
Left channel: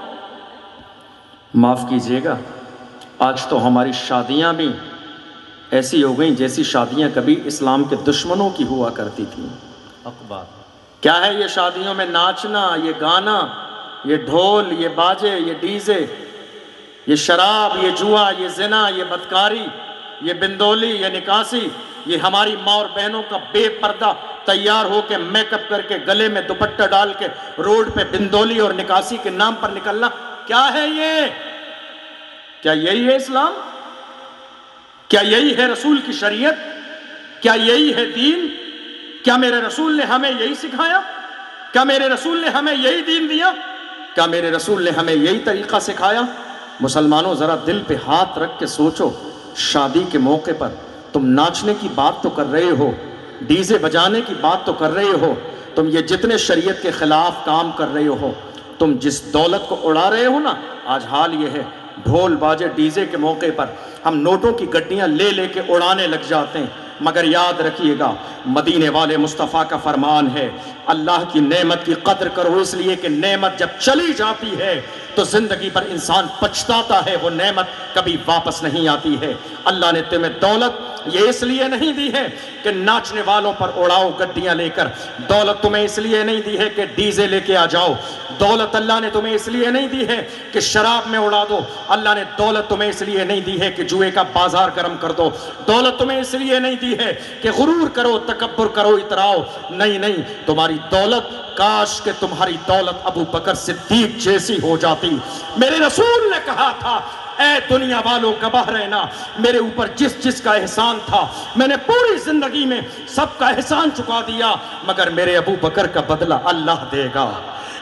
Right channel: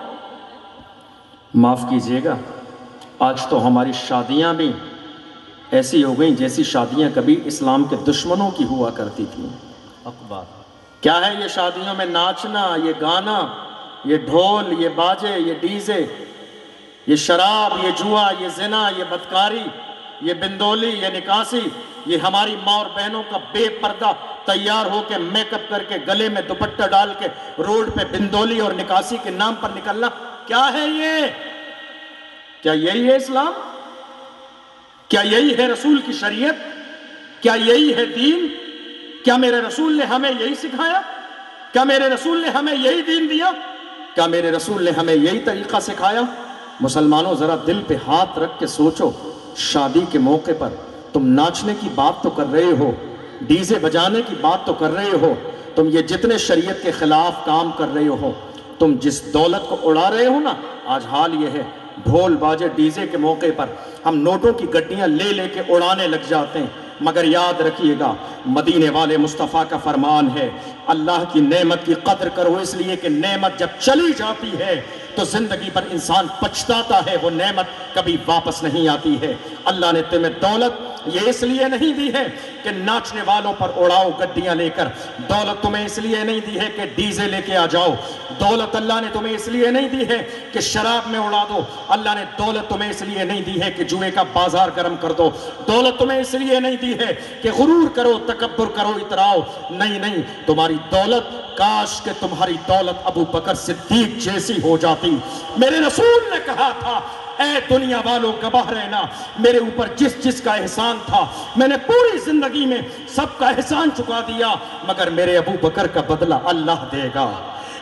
معاف کیجیے گا آج تو ہماری شادیاں بھی ایسی ہو گئیں جیسی شادیاں کبھی اسلام کے دشمنوں کی ہوا کرتی تھیں. کیا ہے یہ شادیوں میں ناچنا، یہ گانا، یہ ڈھول، یہ باجے، یہ ڈیزے، یہ شراب، یہ جوا، یہ زنا، یہ بدکاری، یہ بندولی، یہ نکاسی، یہ ہماری ماں اور بہنوں کا بے پردہ تیار ہو کے میک اپ کر کے گلے میں دوپٹہ ڈال کے روڈ پہ بندولی اور نکاسی کے نام پر نکلنا. کیا ہے یہ؟ کیا یہی ہے اسلام؟ کیا یہی ہے رسول کی شریعت؟ کیا یہی ہے دین؟ کیا میرے رسول نے ہمیں یہی سکھایا؟ کیا میرے رسول نے ہمیں یہی دین دیا؟ کیا میرے رسول نے ہمیں یہی طریقہ سکھایا؟ مسلمانوں ذرا دل پہ ہاتھ رکھ کے سوچو، شادی کے موقع پر تم ناچنے کی بات تو کر رہے ہو، ڈیزے بجانے کی بات تو کر رہے ہو، تم یہ جتنے شریعت کے خلاف کام کر رہے ہو، تم جس دولت کو اڑا رہے ہو نا، آج حال یہ ہے ڈھول باجے ڈیزے کے موقع پر ہم نوٹوں کی گڈیاں لے لے کے اڑانے لگ جاتے ہیں. مگر یاد رکھیے گا مدینے والے مصطفیٰ کا فرمان ہے اللہ کی نعمت کی قدر کرو، اس لیے کہ نعمت جب چلی جاتی ہے تو زندگی پر انسان پچھتاتا ہے، وہ نعمت کبھی واپس نہیں آتی ہے. اللہ نے تمہیں دولت یہ اس لیے نہیں دی ہے کہ ناچنے والوں پر اڑاؤ گڈیاں لے کر، دولت تمہیں اس لیے نہیں دی ہے کہ ڈیزے لے کے آ جاؤ، دولت اللہ نے تمہیں اس لیے نہیں دی ہے کہ شراب میں اڑا دو، اللہ نے دولت تمہیں اس لیے نہیں دی ہے کہ جوئے کا بازار گرم کر دو، دولت تمہیں اس لیے نہیں دی ہے کہ غرور کرو، تکبر کرو، اتراؤ. نہیں، تمہاری دولت، کاش کہ تمہاری دولت ابو بکر صدیق جیسی ہو جاتی. میرے رسول نے کہا تھا اے دنیا والوں گواہ رہنا، میرے اوپر جس کا احسان تھا میں نے پوری زندگی میں سب کا احسان چکا دیا، مگر میرے ابو بکر کا بدلہ اللہ دے گا،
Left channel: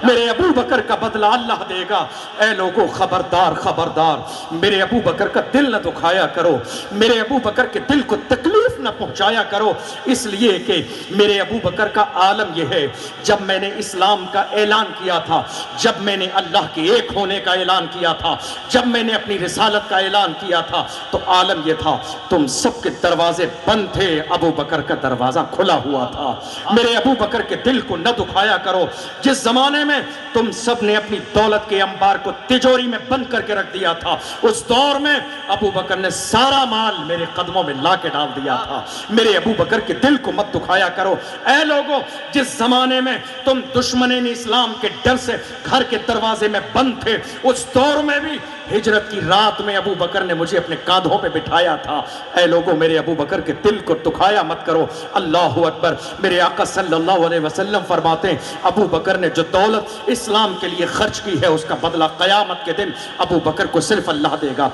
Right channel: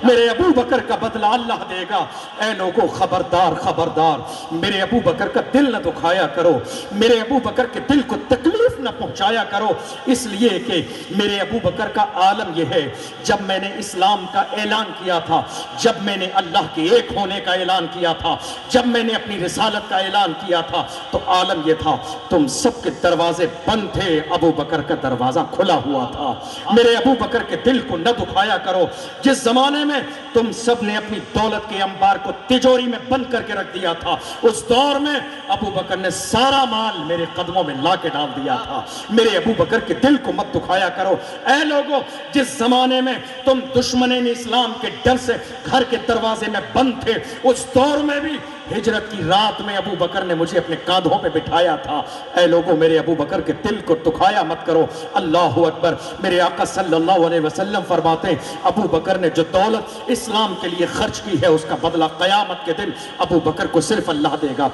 میرے ابو بکر کا بدلہ اللہ دے گا. اے لوگوں خبردار، میرے ابو بکر کا دل نہ دکھایا کرو، میرے ابو بکر کے دل کو تکلیف نہ پہنچایا کرو، اس لیے کہ میرے ابو بکر کا عالم یہ ہے جب میں نے اسلام کا اعلان کیا تھا، جب میں نے اللہ کے ایک ہونے کا اعلان کیا تھا، جب میں نے اپنی رسالت کا اعلان کیا تھا تو عالم یہ تھا، تم سب کے دروازے بند تھے، ابو بکر کا دروازہ کھلا ہوا تھا۔ میرے ابو بکر کے دل کو نہ دکھایا کرو۔ جس زمانے میں تم سب نے اپنی دولت کے انبار کو تجوری میں بند کر کے رکھ دیا تھا، اس دور میں ابو بکر نے سارا مال میرے قدموں میں لا کے ڈال دیا تھا۔ میرے ابو بکر کے دل کو مت دکھایا کرو۔ اے لوگوں، جس زمانے میں تم دشمنین اسلام کے ڈر سے گھر کے دروازے میں بند تھے، اس دور میں بھی ہجرت کی رات میں ابو بکر نے مجھے اپنے کاندھوں پہ بٹھایا تھا۔ اے لوگوں، میرے ابو بکر کے دل کو دکھایا مت کرو۔ اللہ اکبر۔ میرے آقا صلی اللہ علیہ وسلم فرماتے ہیں، ابو بکر نے جو دولت اسلام کے لیے خرچ کی ہے اس کا بدلہ قیامت کے دن ابو بکر کو صرف اللہ دے گا۔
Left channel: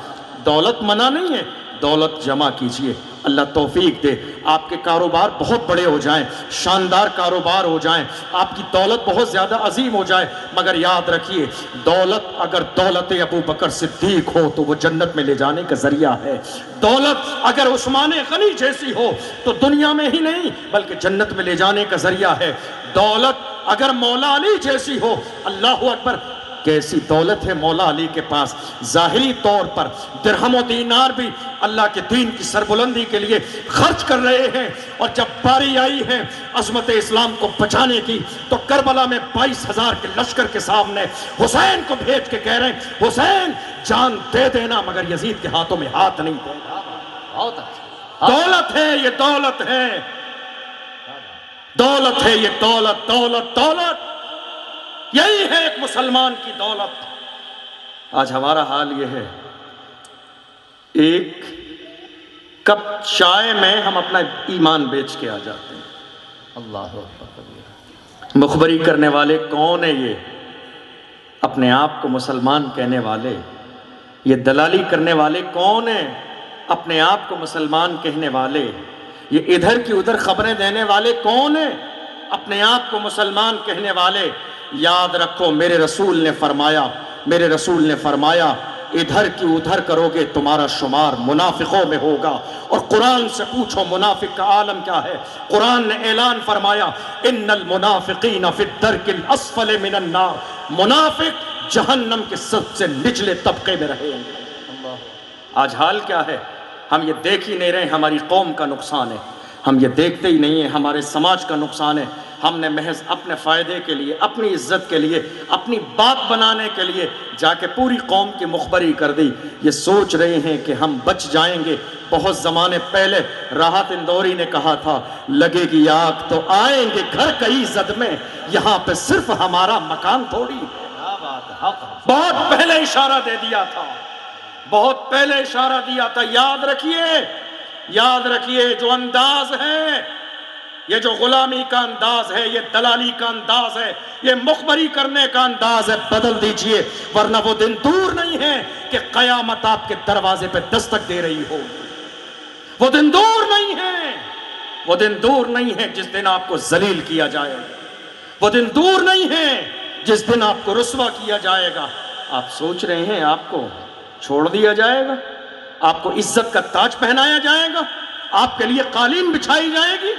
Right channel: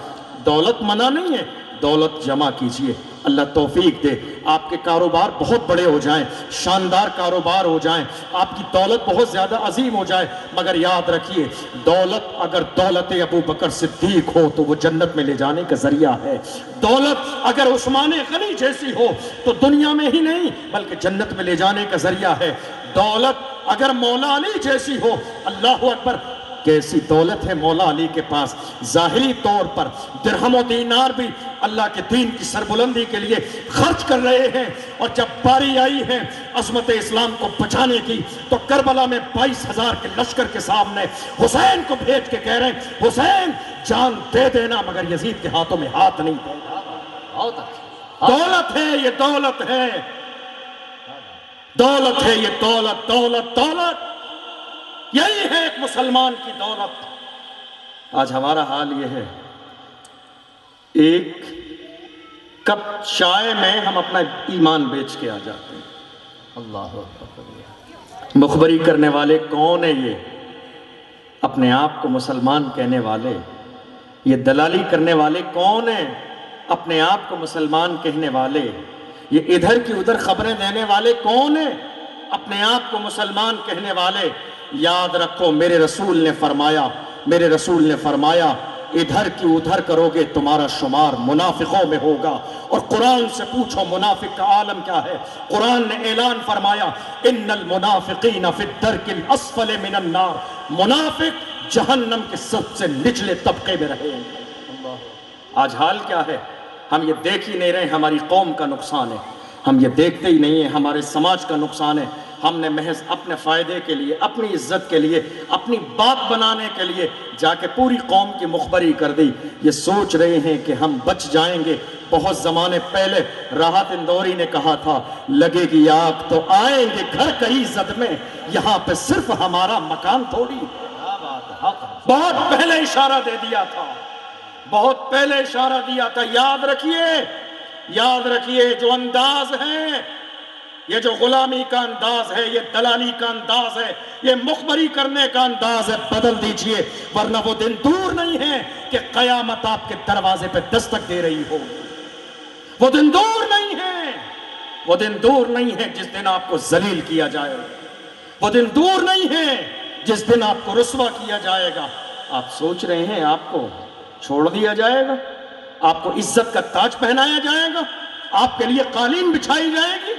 دولت منع نہیں ہے، دولت جمع کیجئے، اللہ توفیق دے، آپ کے کاروبار بہت بڑے ہو جائیں، شاندار کاروبار ہو جائیں، آپ کی دولت بہت زیادہ عظیم ہو جائے، مگر یاد رکھیے دولت اگر دولت ابو بکر صدیق ہو تو وہ جنت میں لے جانے کا ذریعہ ہے۔ دولت اگر عثمان غنی جیسی ہو تو دنیا میں ہی نہیں بلکہ جنت میں لے جانے کا ذریعہ ہے۔ دولت اگر مولا علی جیسی ہو، اللہ اکبر، کیسی دولت ہے مولا علی کے پاس۔ ظاہری طور پر درہم و دینار بھی اللہ کے دین کی سربلندی کے لیے خرچ کر رہے ہیں، اور جب باری آئی ہے عظمت اسلام کو بچانے کی تو کربلا میں 22,000 کے لشکر کے سامنے حسین کو بھیج کے کہہ رہے ہیں، حسین جان دے دینا مگر یزید کے ہاتھوں میں ہاتھ نہیں دینا۔ دولت ہے یہ، دولت ہے، دولت ہے یہ، دولت دولت دولت، یہی ہے ایک مسلمان کی دولت۔ آج ہمارا حال یہ ہے، ایک کپ چائے میں ہم اپنا ایمان بیچ کے آ جاتے ہیں۔ اللہ اکبر۔ مخبری کرنے والے کون ہیں؟ یہ اپنے آپ کو مسلمان کہنے والے، یہ دلالی کرنے والے کون ہیں؟ اپنے آپ کو مسلمان کہنے والے، یہ ادھر کی ادھر خبریں دینے والے کون ہیں؟ اپنے آپ کو مسلمان کہنے والے۔ یاد رکھو، میرے رسول نے فرمایا، میرے رسول نے فرمایا ادھر کی ادھر کرو گے تمہارا شمار منافقوں میں ہوگا۔ اور قرآن سے پوچھو منافق کا عالم کیا ہے؟ قرآن نے اعلان فرمایا، ان المنافقین فی الدرک الاسفل من النار، منافق جہنم کے سب سے نچلے طبقے میں رہے ہیں۔ آج حال کیا ہے؟ ہم یہ دیکھ ہی نہیں رہے، ہماری قوم کا نقصان ہے، ہم یہ دیکھتے ہی نہیں ہیں، ہمارے سماج کا نقصان ہے۔ ہم نے محض اپنے فائدے کے لیے، اپنی عزت کے لیے، اپنی بات بنانے کے لیے جا کے پوری قوم کی مخبری کر دی۔ یہ سوچ رہے ہیں کہ ہم بچ جائیں گے۔ بہت زمانے پہلے راحت اندوری نے کہا تھا، لگے گی آگ تو آئیں گے گھر کئی زد میں، یہاں پہ صرف ہمارا مکان تھوڑی ہے۔ بہت پہلے اشارہ دے دیا تھا، بہت پہلے اشارہ دیا تھا۔ یاد رکھیے، یاد رکھیے، جو انداز ہے، یہ جو غلامی کا انداز ہے، یہ دلالی کا انداز ہے، یہ مخبری کرنے کا انداز ہے، بدل دیجئے، ورنہ وہ دن دور نہیں ہے کہ قیامت آپ کے دروازے پہ دستک دے رہی ہو۔ وہ دن دور نہیں ہے، وہ دن دور نہیں ہے جس دن آپ کو ذلیل کیا جائے گا، وہ دن دور نہیں ہے جس دن آپ کو رسوا کیا جائے گا۔ آپ سوچ رہے ہیں آپ کو چھوڑ دیا جائے گا، آپ کو عزت کا تاج پہنایا جائے گا، آپ کے لیے قالین بچھائی جائے گی،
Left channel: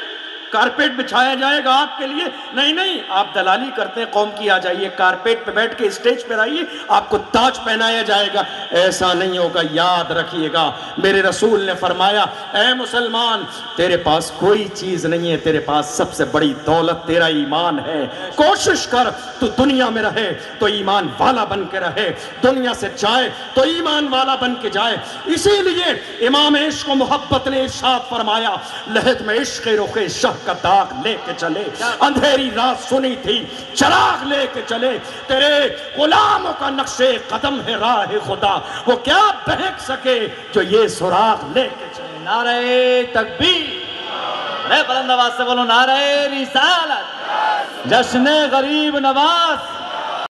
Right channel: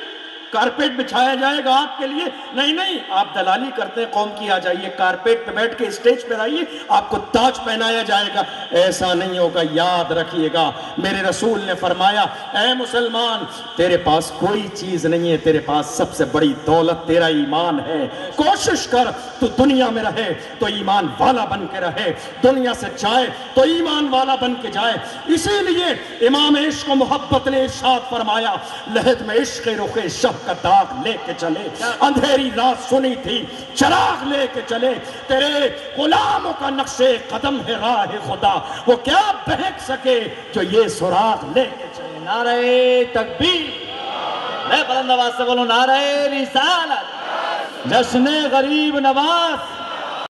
کارپیٹ بچھایا جائے گا آپ کے لیے؟ نہیں نہیں، آپ دلالی کرتے ہیں قوم کی، آ جائیے کارپیٹ پہ بیٹھ کے اسٹیج پہ آئیے، آپ کو تاج پہنایا جائے گا۔ ایسا نہیں ہوگا، یاد رکھیے گا، میرے رسول نے فرمایا، اے مسلمان، تیرے پاس کوئی چیز نہیں ہے، تیرے پاس سب سے بڑی دولت تیرا ایمان ہے۔ کوشش کر تو دنیا میں رہے تو ایمان والا بن کے رہے، دنیا سے جائے تو ایمان والا بن کے جائے۔ اسی لیے امام عشق و محبت نے ارشاد فرمایا، لحد میں عشق رخ شہ کا داغ لے کے چلے، اندھیری رات سنی تھی چراغ لے کے چلے، تیرے غلاموں کا نقش قدم ہے راہ خدا، وہ کیا بہک سکے جو یہ سراغ لے کے چلے۔ نعرہ تکبیر، میں بلند آواز سے بولوں، نعرہ رسالت، جشن غریب نواز۔